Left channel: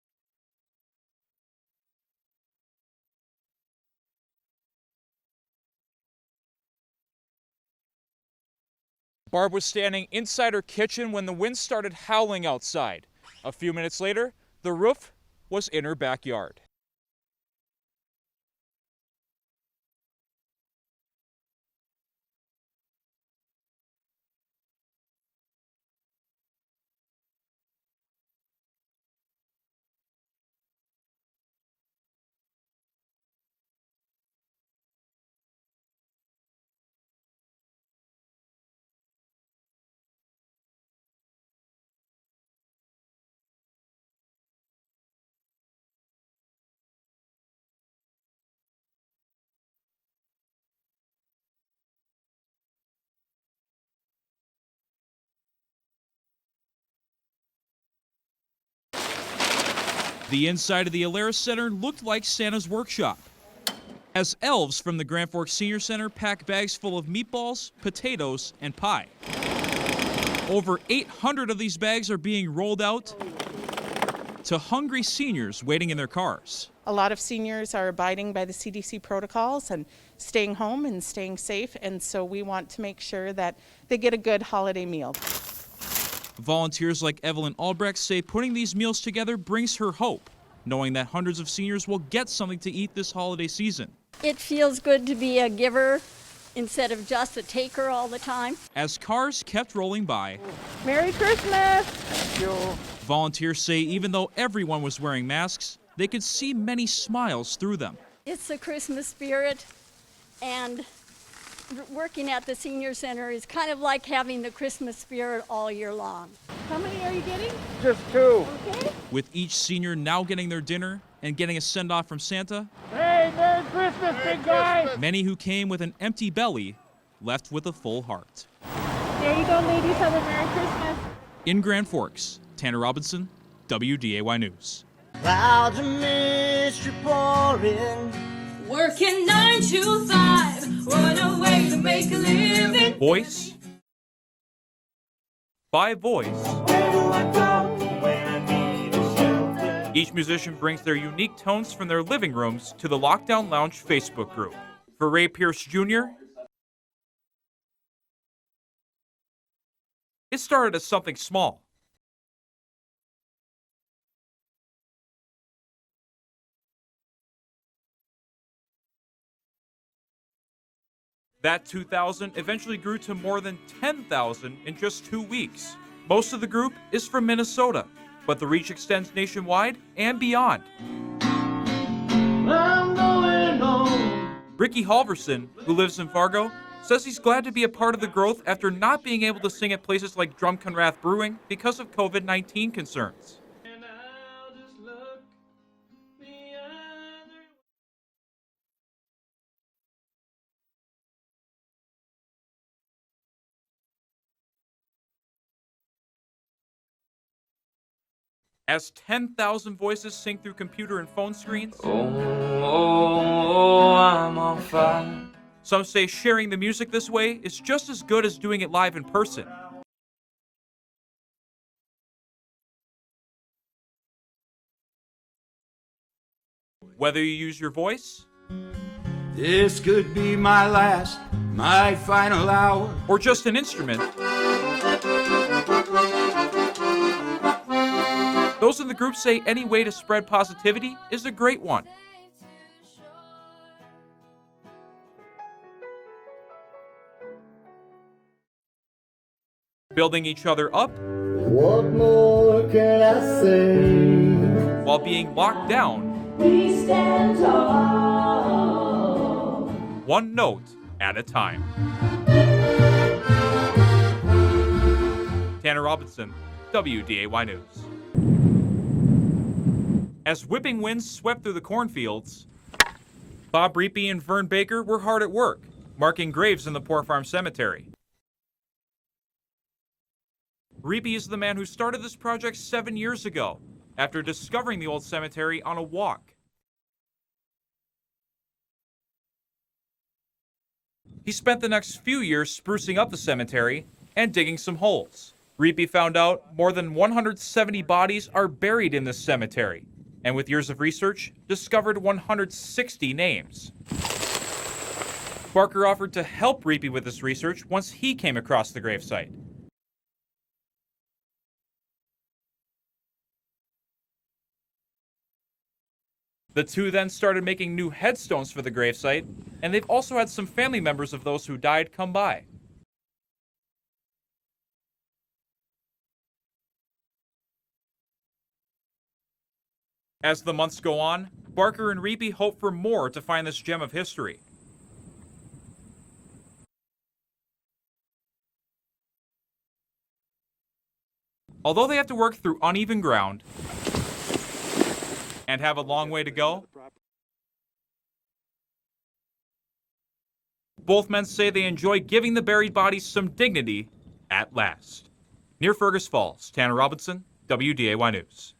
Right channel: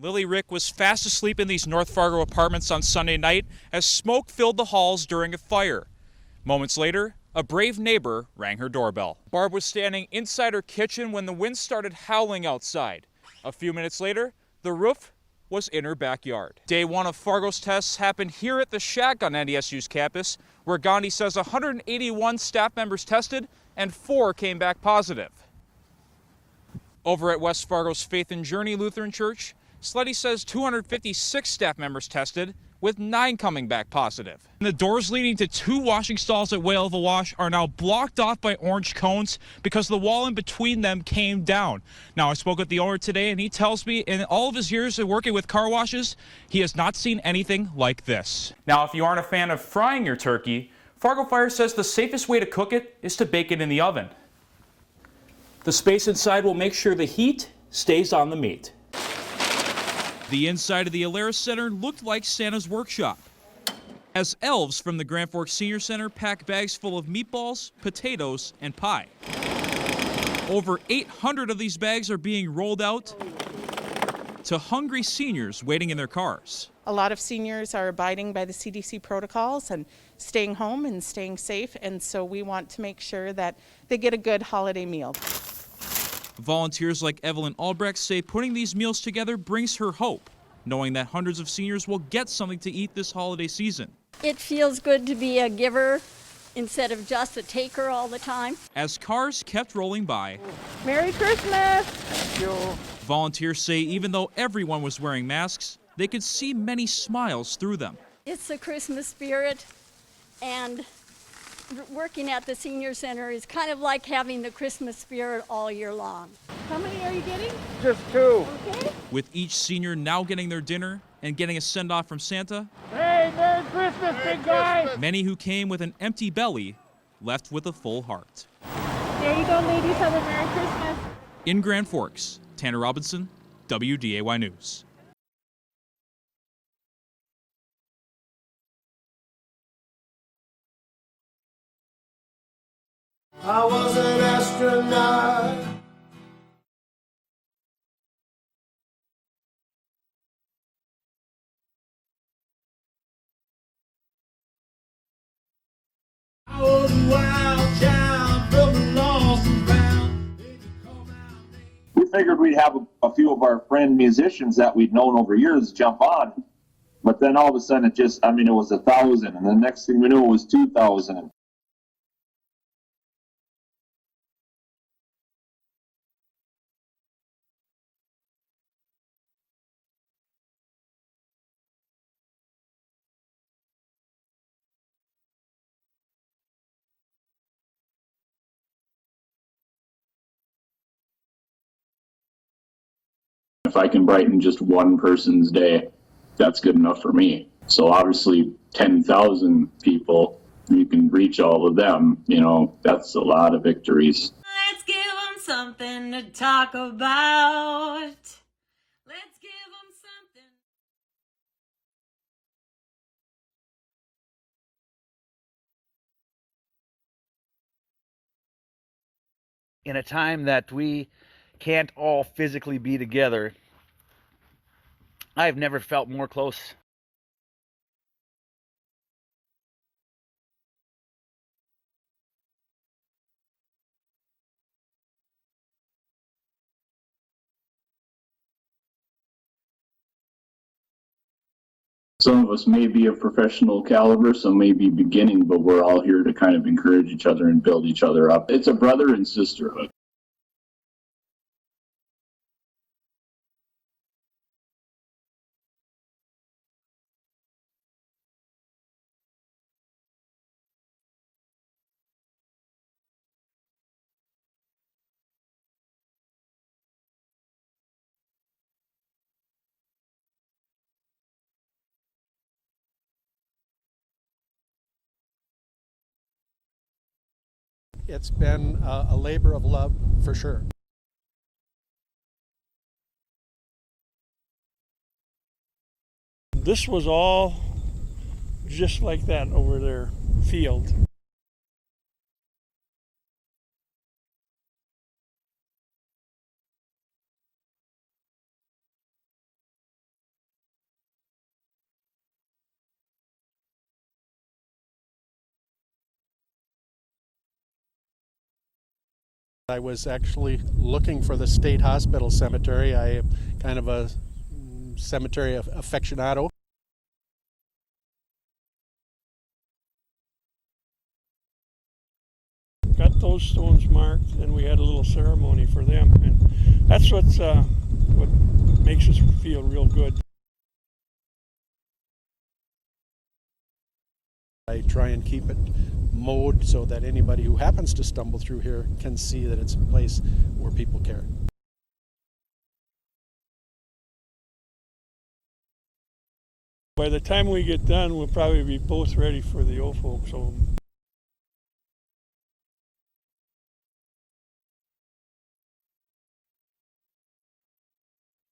Lily Rick was fast asleep in these North Fargo apartments on Sunday night as smoke filled the halls during a fire. Moments later, a brave neighbor rang her doorbell. Barb was standing inside her kitchen when the wind started howling outside. A few minutes later, the roof was in her backyard. Day one of Fargo's tests happened here at the Shack on NDSU's campus, where Gandhi says 181 staff members tested and 4 came back positive. Over at West Fargo's Faith and Journey Lutheran Church, Sleddy says 256 staff members tested, with 9 coming back positive. The doors leading to 2 washing stalls at Whale of a Wash are now blocked off by orange cones because the wall in between them came down. Now, I spoke with the owner today, and he tells me in all of his years of working with car washes, he has not seen anything like this. Now, if you aren't a fan of frying your turkey, Fargo Fire says the safest way to cook it is to bake it in the oven. The space inside will make sure the heat stays on the meat. The inside of the Alara Center looked like Santa's workshop, as elves from the Grand Forks Senior Center pack bags full of meatballs, potatoes, and pie. Over 800 of these bags are being rolled out to hungry seniors waiting in their cars. A lot of seniors are abiding by the CDC protocols and staying home and staying safe, and so we want to make sure that they get a good holiday meal. Volunteers like Evelyn Albrecht say putting these meals together brings her hope, knowing that hundreds of seniors will get something to eat this holiday season. It feels good to be a giver instead of just a taker all the time. As cars kept rolling by, Merry Christmas! Thank you. Volunteers say even though everyone was wearing masks, they could see many smiles through them. It's the Christmas spirit, and working at the senior center is kind of like having the Christmas spirit all year long. How many are you getting? Just 2. Okay. With each senior now getting their dinner and getting a send-off from Santa, Hey, Merry Christmas, big guy! many who came with an empty belly left with a full heart. There you go, ladies. Have a Merry Christmas. In Grand Forks, Tanner Robinson, WDAY News. Clouds of mystery pouring. Working 9 to 5, what a way to make a living. Voice I was an astronaut. by voice. Where do I go when I need a shelter? Each musician brings their unique tones from their living rooms to the Lockdown Lounge Facebook group. For Ray Pierce Jr., I was a wild child, broken, lost and found. it started as something small. We figured we'd have a few of our friend musicians that we'd known over years jump on. But then all of a sudden it was 1,000, and the next thing we knew it was 2,000. That 2,000 eventually grew to more than 10,000 in just 2 weeks. Most of the group is from Minnesota, but the reach extends nationwide and beyond. I'm going home. Ricky Halverson, who lives in Fargo, says he's glad to be a part of the growth after not being able to sing at places like Drumconrath Brewing because of COVID-19 concerns. If I can brighten just one person's day, that's good enough for me. So obviously 10,000 people, you can reach all of them, that's a lot of victories. Let's give them something to talk about. As 10,000 voices sing through computer and phone screens, Oh, I'm on fire. some say sharing the music this way is just as good as doing it live in person. In a time that we can't all physically be together, I've never felt more close. Whether you use your voice This could be my last, my final hour. or just an instrument, those in the group say any way to spread positivity is a great one. Some of us may be of professional caliber, some may be beginning, but we're all here to kind of encourage each other and build each other up. It's a brother and sisterhood. Building each other up What more can I say? while being locked down, We stand tall. one note at a time. Tanner Robinson, WDAY News. As whipping winds swept through the cornfields, Bob Reapy and Vern Baker were hard at work, marking graves in the Poor Farm Cemetery. It's been a labor of love, for sure. Reapy is the man who started this project 7 years ago, after discovering the old cemetery on a walk. This was all just like that over their field. He spent the next few years sprucing up the cemetery and digging some holes. Reapy found out more than 170 bodies are buried in this cemetery, and with years of research, discovered 160 names. Barker offered to help Reapy with this research once he came across the gravesite. I was actually looking for the state hospital cemetery. I am kind of a cemetery aficionado. The two then started making new headstones for the gravesite, and they've also had some family members of those who died come by. Got those stones marked, and we had a little ceremony for them, and that's what makes us feel real good. As the months go on, Barker and Reapy hope for more to find this gem of history. I try and keep it mowed so that anybody who happens to stumble through here can see that it's a place where people care. Although they have to work through uneven ground and have a long way to go, By the time we get done, we'll probably be both ready for the old folks home. both men say they enjoy giving the buried bodies some dignity at last. Near Fergus Falls, Tanner Robinson, WDAY News.